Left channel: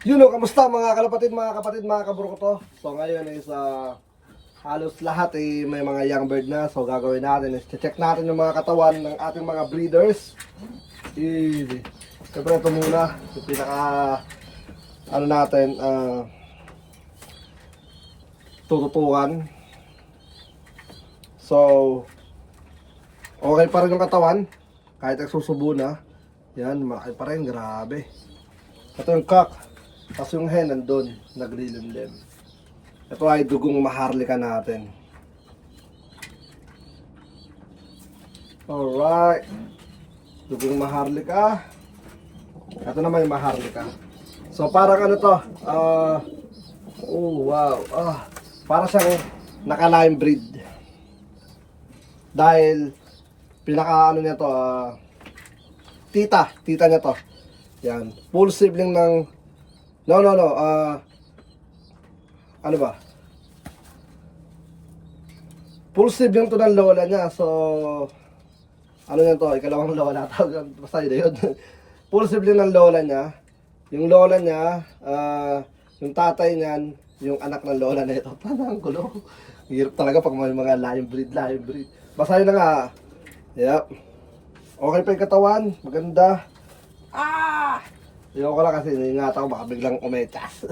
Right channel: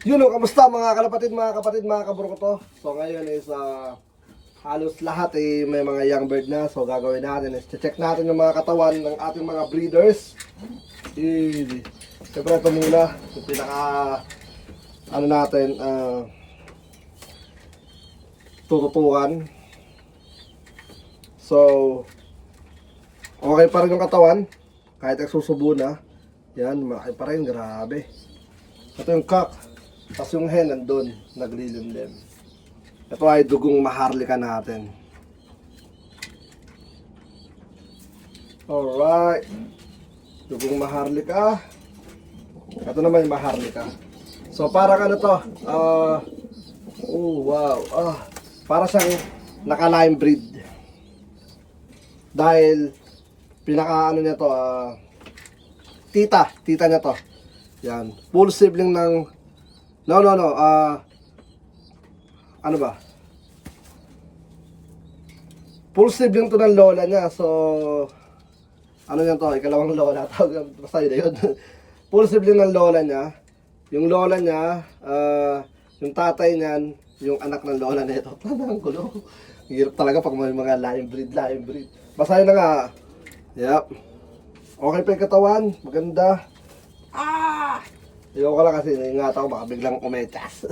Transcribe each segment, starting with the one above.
Yun o, kamusta mga kalapatid, mga kapatid, mga kaburo ko to. So ngayon is halos lahat may mga young bird na. So gagawin natin is check natin yung mga katawan ng ating mga breeders. Siyempre ito muna, yung pinaka ano natin, tututukan. So okay pa rin yung katawan, kahit nagsusubo na. Yan, malaki pa rin, grabe. Ito yung cock. Tapos yung hen nandun, naglilimlim. Ito ay dugong maharlika natin. Alright. Dugong maharlika. Ito naman yung maharlika. So parang ano to, oh wow, para siyang naka-lime breed. Dahil pinaka ano niya to, tita niya to. Yan, full sibling ng ano ba? Full sibling to ng lola niya. So ano yan to? Ikalawang lola. Basta yun. Full sibling ng lola niya. Yung lola niya, yung tatay niyan, yung anak ng lola nito. Parang gulo. Hirap talaga pag may mga lime breed. Basta yun na nga. Yep. Okay pa yung katawan. Maganda. Ayoko lang kasi ingatan ko baka biglang umetas.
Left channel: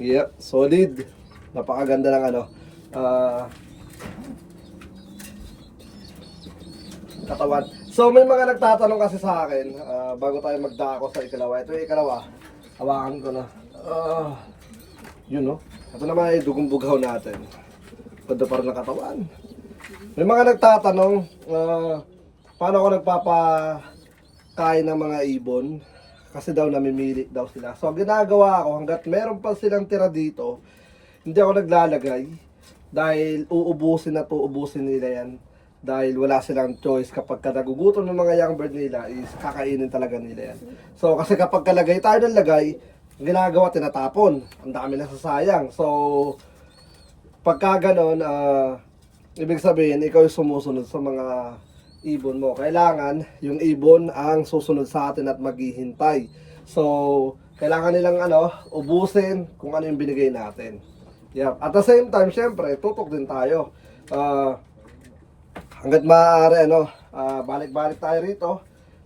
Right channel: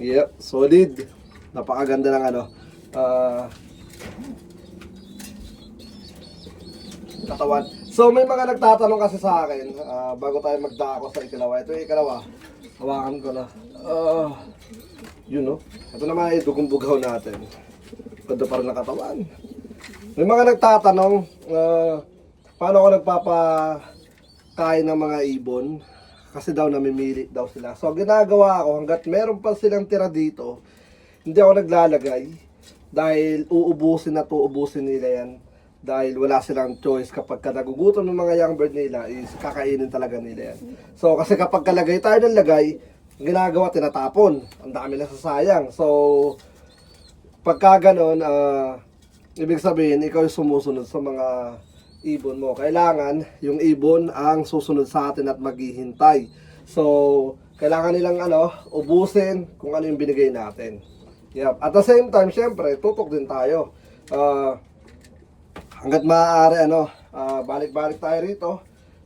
Yep, solid. Napakaganda ng ano. Katawan. So may mga nagtatanong kasi sa akin, bago tayo magdako sa ikalawa. Ito yung ikalawa. Hawakan ko na. Yun no. Ito naman ay dugong bugaw natin. Ganda pa rin ng katawan. May mga nagtatanong, paano ako nagpapakain ng mga ibon? Kasi daw namimili daw sila. So ginagawa ko hanggat meron pa silang tira dito, hindi ako naglalagay. Dahil uubusin nila yan. Dahil wala silang choice kapag nagugutom ng mga young bird nila is kakainin talaga nila yan. So kasi kapag kalagay tayo ng lagay, ginagawa tinatapon. Ang dami na sasayang. So pagka ganon, ibig sabihin ikaw yung sumusunod sa mga ibon mo. Kailangan yung ibon ang susunod sa atin at maghihintay. So kailangan nilang ubusin kung ano yung binigay natin. Yep. At the same time, syempre tutok din tayo. Hanggat maaari balik-balik tayo rito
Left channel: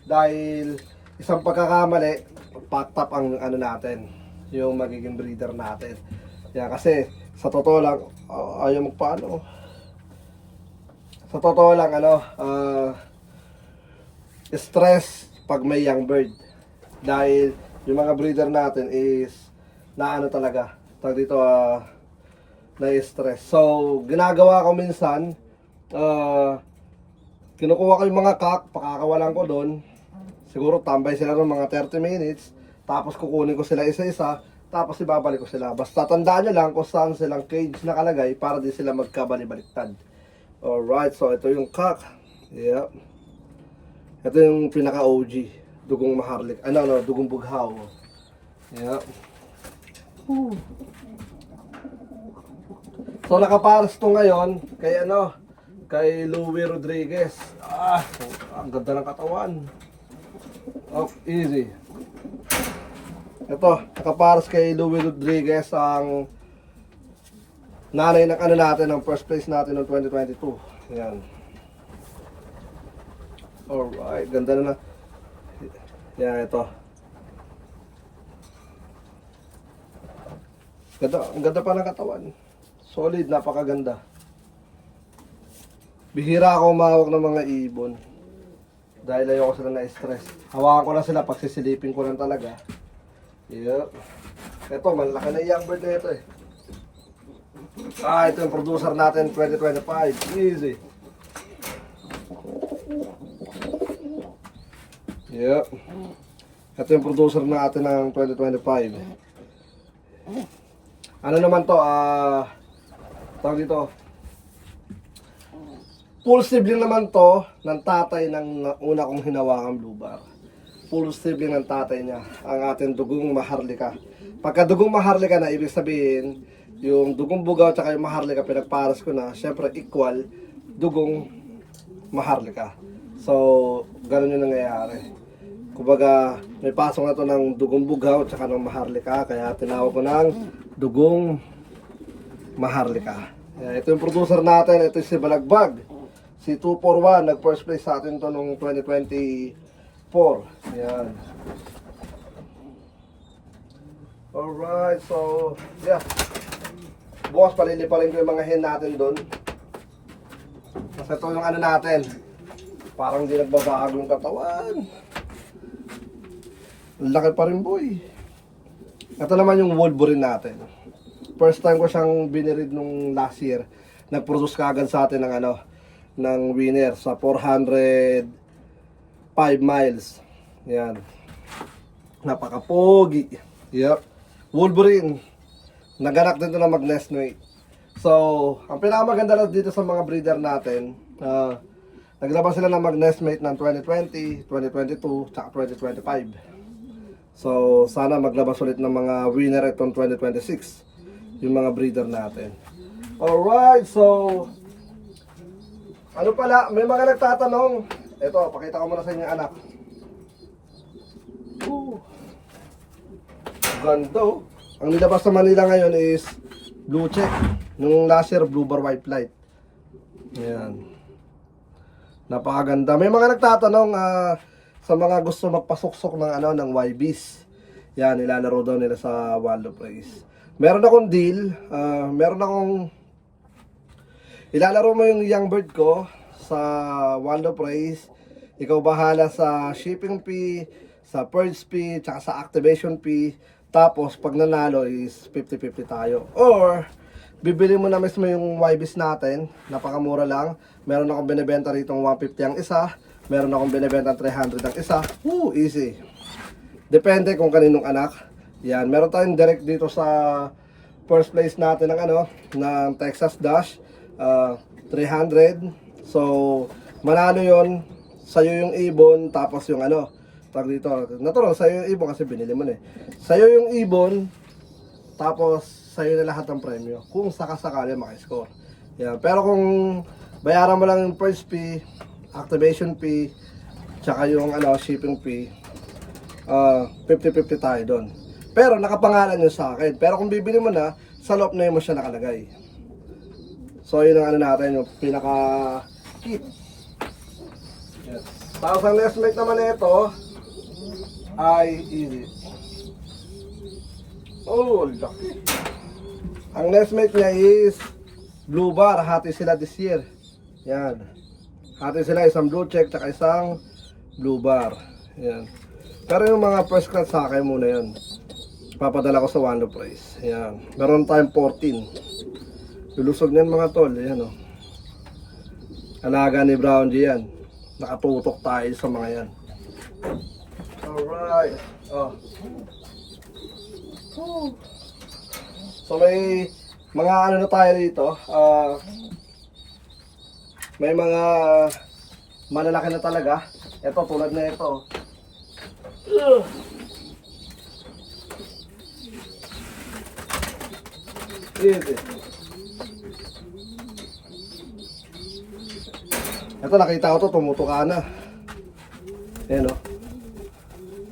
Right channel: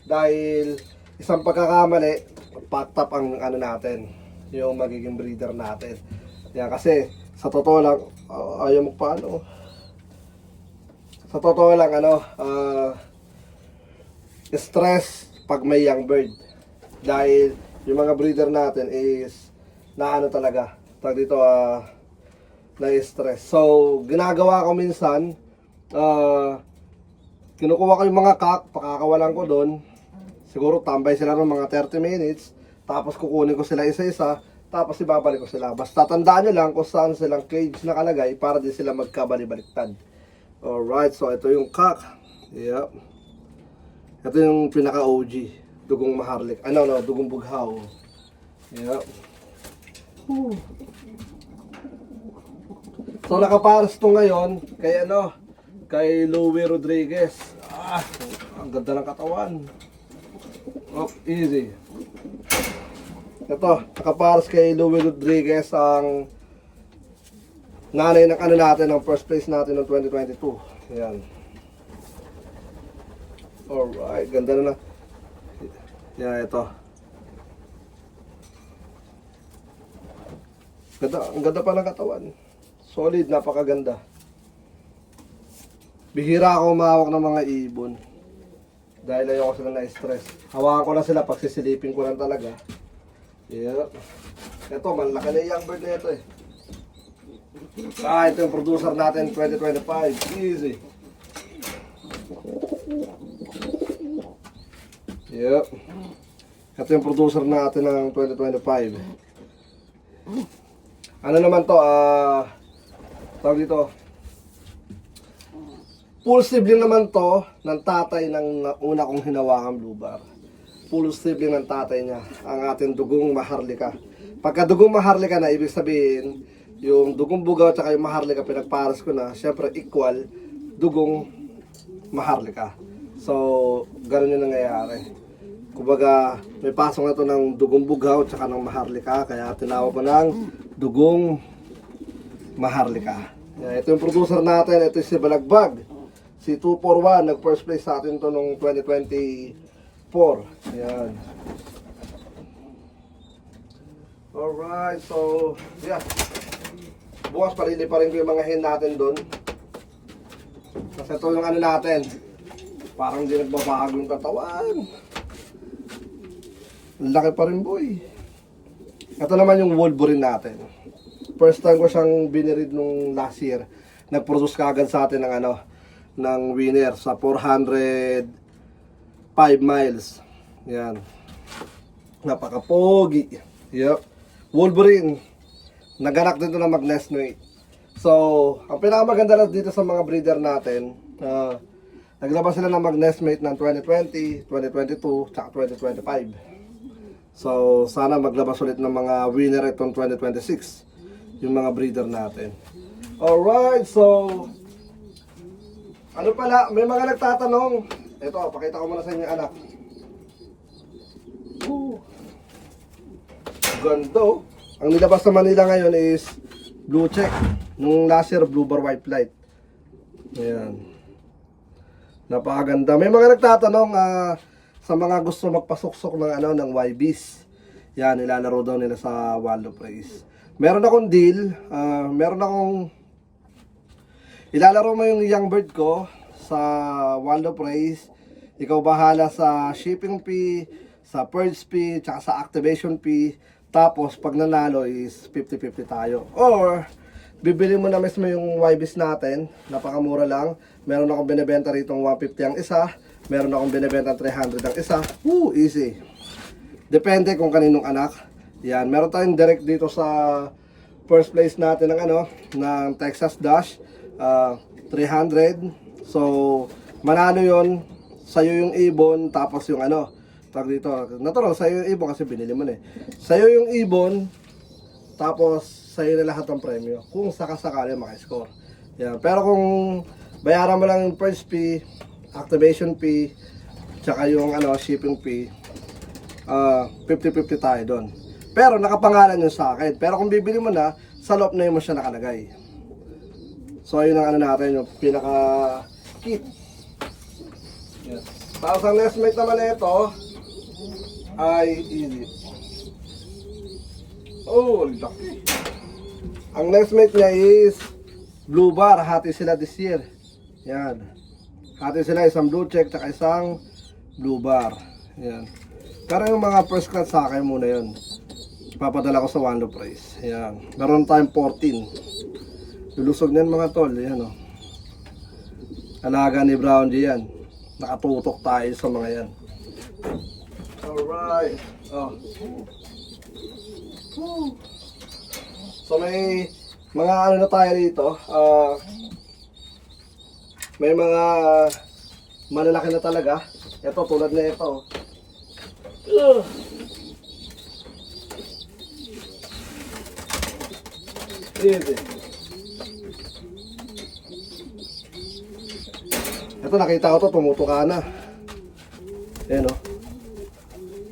dahil isang pagkakamali, packed up ang natin, yung magiging breeder natin. Yan, kasi sa totoo lang ayaw magpaano. Sa totoo lang stress pag may young bird. Dahil yung mga breeder natin is talaga tag dito na-stress. So ginagawa ko minsan, kinukuha ko yung mga cock, pakakawalan ko doon. Siguro tambay sila ng mga 30 minutes. Tapos kukunin ko sila isa-isa. Tapos ibabalik ko sila. Basta tandaan nyo lang kung saan silang cage nakalagay para di sila magkabali-baliktad. Alright, so ito yung cock. Yep. Ito yung pinaka OG. Dugong maharlik. Dugong bughaw. Yep. So nakaparas to ngayon kay Louie Rodriguez. Ang ganda ng katawan. Easy. Ito, nakaparas kay Louie Rodriguez ang nanay ng natin, ang first place natin ng 2022. Yan. Alright, ganda na. Yan, ito. Ang ganda pa ng katawan. Solid, napakaganda. Bihira ako umawak ng mga ibon. Dahil ayoko sila na-stress. Hawakan ko lang sila, pagsisilipin ko lang talaga. Yep. Ito, malaki na yung young bird na ito eh. Ito yung producer natin 2025. Easy. Yep. Ito yung producer natin ng 2025. Ano naman to? Tawag dito. Full sibling naman to ng tatay ng una kong hinawakang blue bar. Full sibling ng tatay niya. Ang ating dugong maharlika. Pagka dugong maharlika na, ibig sabihin yung dugong bugaw at yung maharlika pinagparas ko na, syempre equal dugong maharlika. So, ganun yung nangyayari. Kumbaga, may pasok na to ng dugong bughaw at saka ng maharlika. Kaya tinawag ko ng dugong maharlika. Ito yung producer natin. Ito si Balagbag. Si 241. Nag first place sa atin to noong 2024. Ayan. Alright, so yeah. Bukas paliliparin ko yung mga hen natin doon. Kasi ito yung ano natin. Parang di nagbabago yung katawan. Laki pa rin boy. Ito naman yung Wolverine natin. First time ko siyang binirid nung last year. Nag-produce kaagad sa atin ng ano, ng winner sa 405 miles. Yan. Napaka-pogi. Yep. Wolverine. Naganak din ito ng mag-nest mate. So, ang pinakamaganda lang dito sa mga breeder natin, naglabas sila ng mag-nest mate ng 2020, 2022, tsaka 2025. So, sana maglabas ulit ng mga winner itong 2026. Yung mga breeder natin. Alright, so ano pala, may mga nagtatanong. Ito, pakita ko muna sa inyo anak. Gando. Ang nilabas sa Manila ngayon is blue check. Nung last year, blue bar white light. Ayan. Napakaganda. May mga nagtatanong sa mga gusto magpasuksok ng ano ng YBs. Yan, nilalaro daw nila sa Wildlife Race. Meron akong deal, meron akong ilalaro mo yung young bird ko sa Wildlife Race. Ikaw bahala sa shipping fee, sa purge fee, tsaka sa activation fee. Tapos pag nanalo is 50-50 tayo. Or bibili mo na mismo yung YBs natin, napakamura lang. Meron akong binebenta rito ng 150 ang isa. Meron akong binibenta 300 ang isa. Easy. Depende kung kaninong anak. Yan, meron tayong direct dito sa first place natin ng ano, ng Texas Dash 300. So, manalo 'yon. Sa'yo yung ibon, tapos yung ano, tag dito. Natural sa'yo yung ibon kasi binili mo na eh. Sa'yo yung ibon, tapos sa'yo na lahat ng premyo. Kung sakasakali makiscore. Yan, pero kung bayaran mo lang yung first fee, activation fee, tsaka yung ano, shipping fee, 50-50 tayo doon. Pero nakapangalan yun sa akin. Pero kung bibili mo na, sa loob na yun mo siya nakalagay. So yun ang ano natin, yung pinaka kit. Yes. Tapos ang nest mate naman ito ay easy. Oh, laki. Ang nest mate niya is blue bar. Hati sila this year. Yan. Hati sila isang blue check at isang blue bar. Yan. Pero yung mga first class sa akin muna yun. Papadala ko sa Wildlife Race. Yan. Meron tayong 14. Lulusog niyan mga tol. Yan o. Alaga ni Brown G yan. Nakatutok tayo sa mga yan. Alright. Oh. So may mga ano na tayo dito. May mga malalaki na talaga. Ito tulad na ito. Easy. Ito nakita ko to, tumutuka na. Ayan o.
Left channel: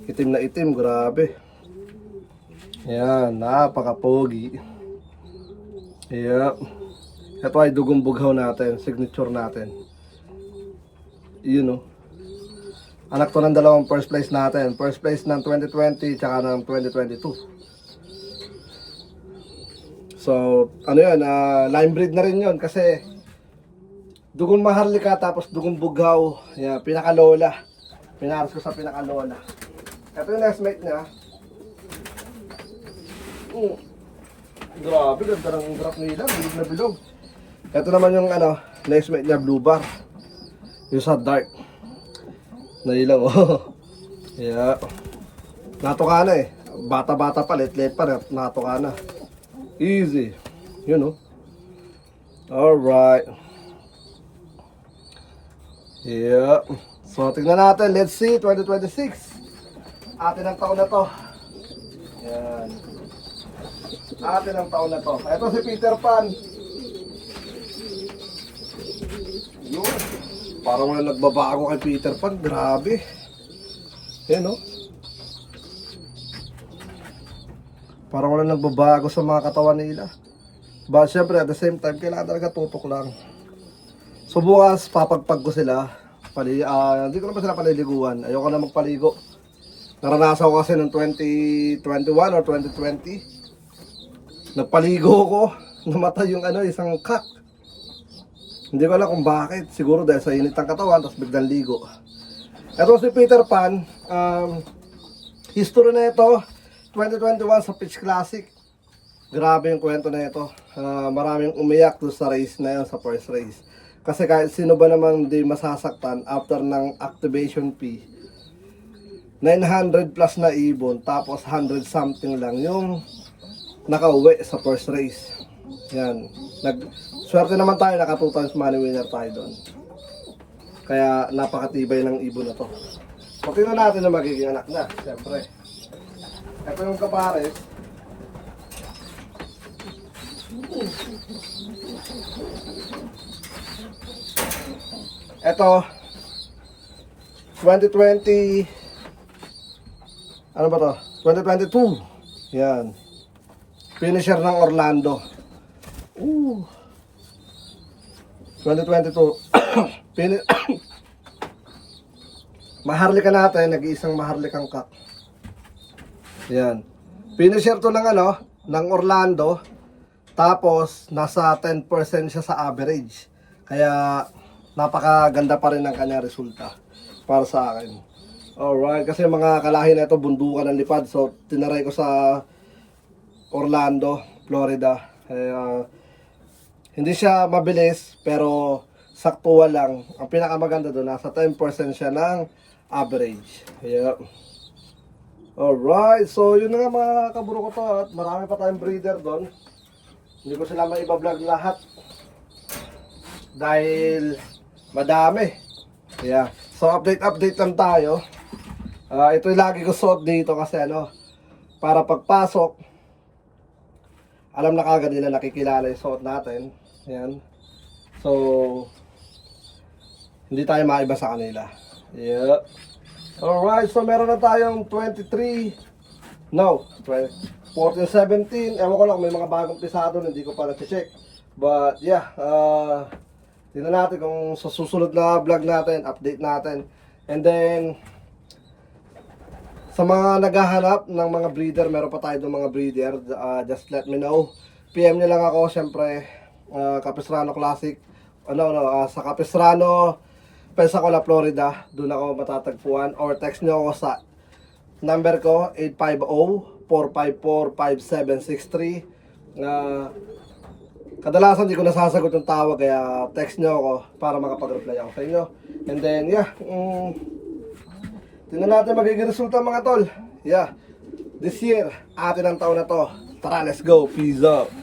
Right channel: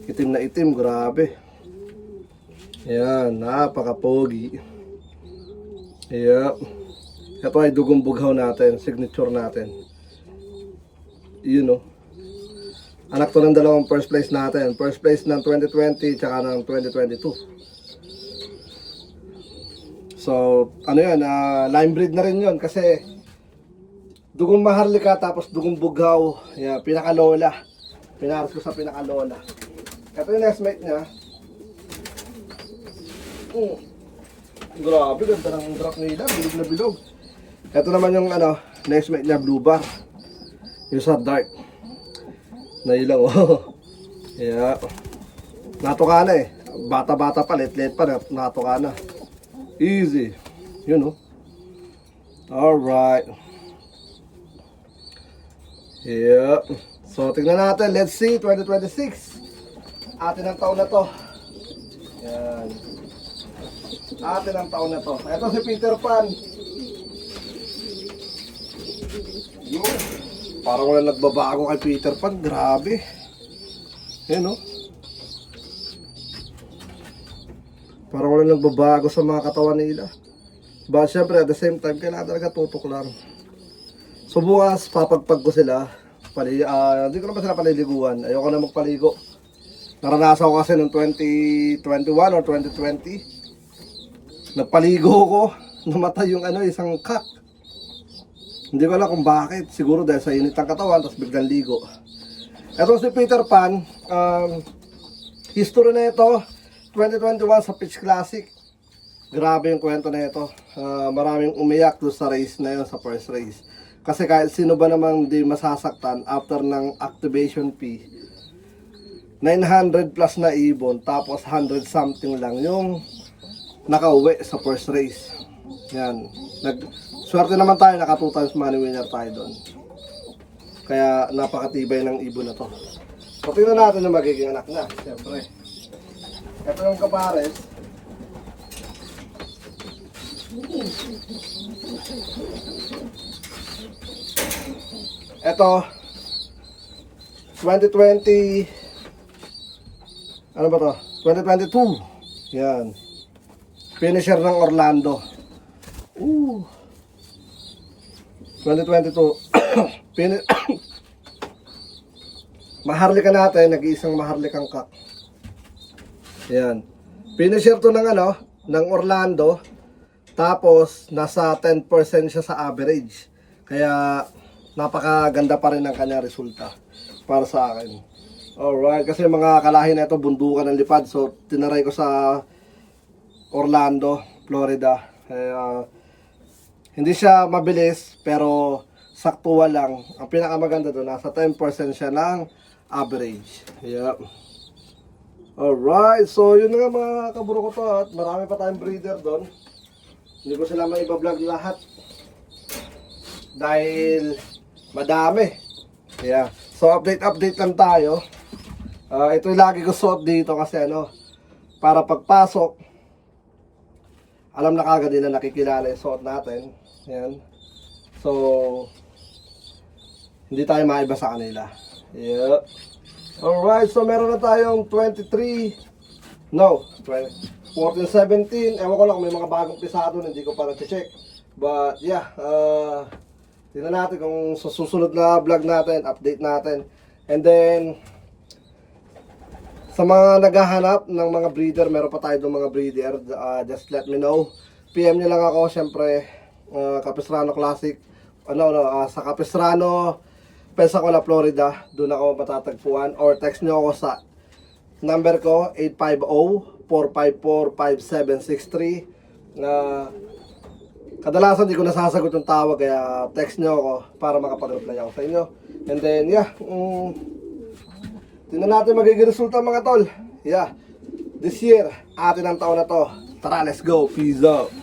Itim na itim, grabe. Ayan, napaka-pogi. Ayan. Ito ay dugong bughaw natin, signature natin. Yun o. Anak to ng dalawang first place natin. First place ng 2020 tsaka ng 2022. So, ano yan, line breed na rin yun kasi dugong maharlika tapos dugong bughaw. Yan, pinakalola. Pinaras ko sa pinakalola. Ito yung nest mate niya. Grabe, ganda ng drop nila. Bilog na bilog. Ito naman yung ano, nest mate niya, blue bar. Yung sa dark. Nailang oh. Yeah. Natuka na eh. Bata-bata pa, let-let pa, natuka na. Easy. You know. Alright. Yeah. So, tingnan natin. Let's see, 2026. Atin ang taon na to. Yan. Atin ang taon na to. Ito si Peter Pan. Yun. Parang wala nagbabago kay Peter Pan. Grabe. Yan, no? Parang wala nagbabago sa mga katawan nila. But syempre, at the same time, kailangan talaga tutok lang. So bukas, papagpag ko sila. Hindi ko naman sila paliliguan. Ayoko na magpaligo. Naranasan ko kasi noong 2021 or 2020. Nagpaligo ko. Namatay yung isang cat. Hindi ko alam kung bakit. Siguro dahil sa init ng katawan, tapos biglang ligo. Ito si Peter Pan. History na ito, 2021 sa Pitch Classic. Grabe yung kwento na ito. Maraming umiyak doon sa race na yun, sa first race. Kasi kahit sino ba namang di masasaktan after ng activation fee, 900 plus na ibon, tapos 100 something lang yung nakauwi sa first race. Yan. Swerte naman tayo, naka 2 times money winner tayo doon. Kaya napakatibay ng ibon na to. So tingnan natin yung magiging anak na, siyempre. Ito yung kapares. Ito 2020, ano ba to? 2022. Yan. Finisher ng Orlando. 2022. Maharlika natin, nag-iisang maharlikang kak. Yan. Finisher to ng ng Orlando. Tapos nasa 10% siya sa average. Kaya napakaganda pa rin ang kanya resulta para sa akin. Alright, kasi mga kalahi na ito bundukan ng lipad. So tinaray ko sa Orlando, Florida. Hindi siya mabilis pero saktuwa lang. Ang pinakamaganda doon, nasa 10% siya ng average. Yeah. Alright, so yun na nga mga kaburo ko to. At marami pa tayong breeder doon. Hindi ko sila maiba-vlog lahat. Dahil madami. Yeah. So update lang tayo. Ito yung lagi ko suot dito kasi para pagpasok, alam na kagad nila, nakikilala yung suot natin. Yan. So hindi tayo maiba sa kanila. Yeah. Alright, so meron na tayong 14-17. Ewan ko lang, may mga bagong pisado, hindi ko pa na-check. But yeah, tingnan natin kung sa susunod na vlog natin, update natin. And then sa mga naghahanap ng mga breeder, meron pa tayo ng mga breeder, just let me know. PM nyo lang ako, syempre, Capistrano Classic, sa Capistrano, Pensacola, Florida. Doon ako matatagpuan, or text nyo ako sa number ko, 850-454-5763. Kadalasan di ko nasasagot yung tawag, kaya text nyo ako para makapag-reply ako sa inyo. And then yeah, tingnan natin magiging resulta mga tol. Yeah, this year, atin ang taon na to. Tara, let's go. Peace out.